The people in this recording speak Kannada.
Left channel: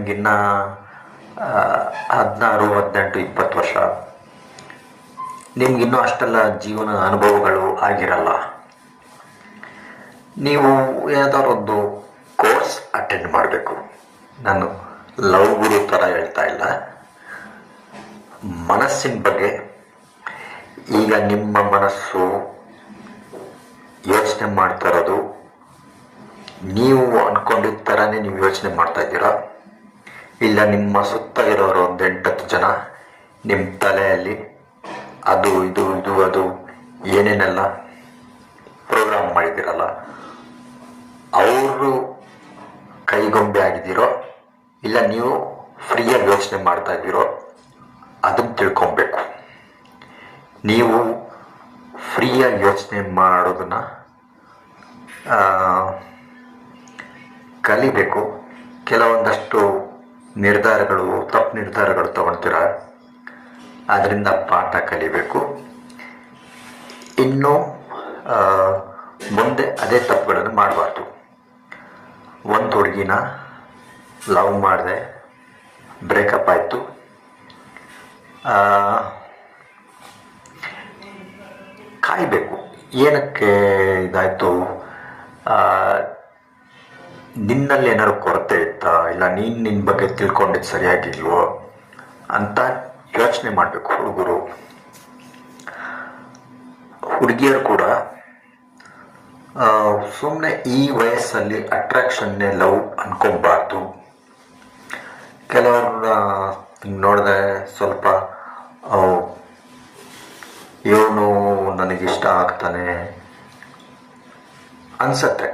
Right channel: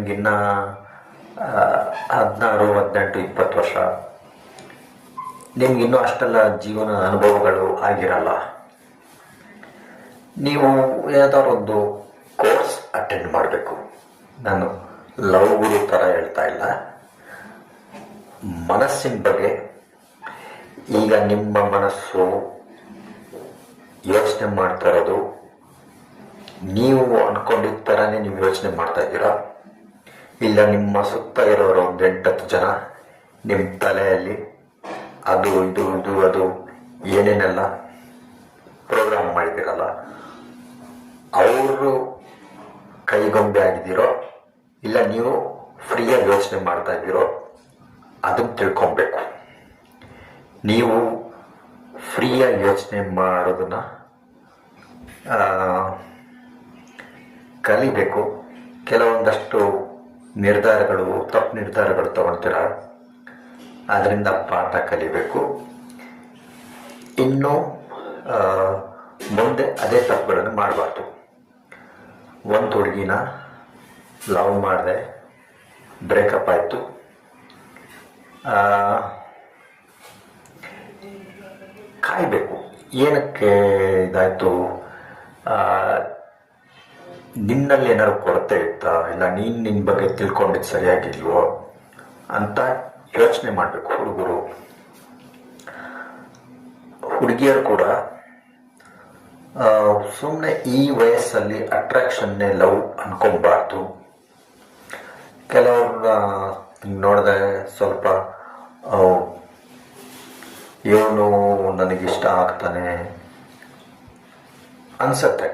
ನಿಮಗಿನ್ನ 16, 18, 20 ವರ್ಷ. ನಿಮಗಿನ್ನೂ ಅಷ್ಟೆಲ್ಲ ಜೀವನ ಅನುಭವಗಳು ಆಗಿರಲ್ಲ. ನೀವು ಯಾವುದಾದ್ರು ಒಂದು ಕೋರ್ಸ್ ಅಟೆಂಡ್ ಮಾಡಬೇಕು. ನಾನು ಲವ್ ಗುರು ಥರ ಹೇಳ್ತಾ ಇಲ್ಲ. ಮನಸ್ಸಿನ ಬಗ್ಗೆ ಈಗ ನಿಮ್ಮ ಮನಸ್ಸು ಯೋಚನೆ ಮಾಡ್ತಾ ಇರೋದು ನೀವು ಅಂದ್ಕೊಂಡಿದ್ದ ಥರನೇ ನೀವು ಯೋಚನೆ ಮಾಡ್ತಾ ಇದ್ದೀರಾ, ಇಲ್ಲ ನಿಮ್ಮ ಸುತ್ತ ಇರೋರು ಒಂದು 8-10 ಜನ ನಿಮ್ಮ ತಲೆಯಲ್ಲಿ ಅದು ಇದು ಇದು ಅದು ಏನೇನೆಲ್ಲ ಪ್ರೋಗ್ರಾಮ್ ಮಾಡಿದ್ದೀರಲ್ಲ ಅವರು ಕೈಗೊಂಬೆ ಆಗಿದ್ದೀರೋ, ಇಲ್ಲ ನೀವು ಫ್ರೀಯಾಗಿ ಯೋಚನೆ ಮಾಡ್ತಾ ಇದ್ದೀರೋ ಅದನ್ನು ತಿಳ್ಕೊಬೇಕು. ನೀವು ಫ್ರೀಯಾಗಿ ಯೋಚನೆ ಮಾಡೋದನ್ನು ಕಲಿಬೇಕು. ಕೆಲವೊಂದಷ್ಟು ನಿರ್ಧಾರಗಳು, ತಪ್ಪು ನಿರ್ಧಾರಗಳು ತಗೊಳ್ತೀರ, ಅದರಿಂದ ಪಾಠ ಕಲಿಬೇಕು. ಇನ್ನು ಮುಂದೆ ಅದೇ ತಪ್ಪುಗಳನ್ನು ಮಾಡಬಾರ್ದು. ಒಂದು ಹುಡುಗಿನ ಲವ್ ಮಾಡಿದೆ, ಬ್ರೇಕಪ್ ಆಯಿತು. ಕಾಯಬೇಕು. ಏನಕ್ಕೆ ಇದಾಯಿತು? ನಿನ್ನಲ್ಲಿ ಏನಾದ್ರು ಕೊರತೆ ಇತ್ತಾ, ಇಲ್ಲ ನೀನು ನಿನ್ನ ಬಗ್ಗೆ ತಿಳ್ಕೊಂಡಿದ್ದು ಸರಿಯಾಗಿಲ್ವೋ ಅಂತ ಯೋಚನೆ ಮಾಡಬೇಕು ಹುಡುಗರು. ಹುಡುಗಿಯರು ಕೂಡ ಸುಮ್ಮನೆ ಈ ವಯಸ್ಸಲ್ಲಿ ಅಟ್ರಾಕ್ಷನ್ನೇ ಲವ್ ಅನ್ಕೊಬಾರ್ದು. ಕೆಲವ್ರನ್ನ ನೋಡಿದೆ ಸ್ವಲ್ಪ ಇವನು ನನಗಿಷ್ಟ ಆಗ್ತಾನೆ ಅನ್ಸತ್ತೆ.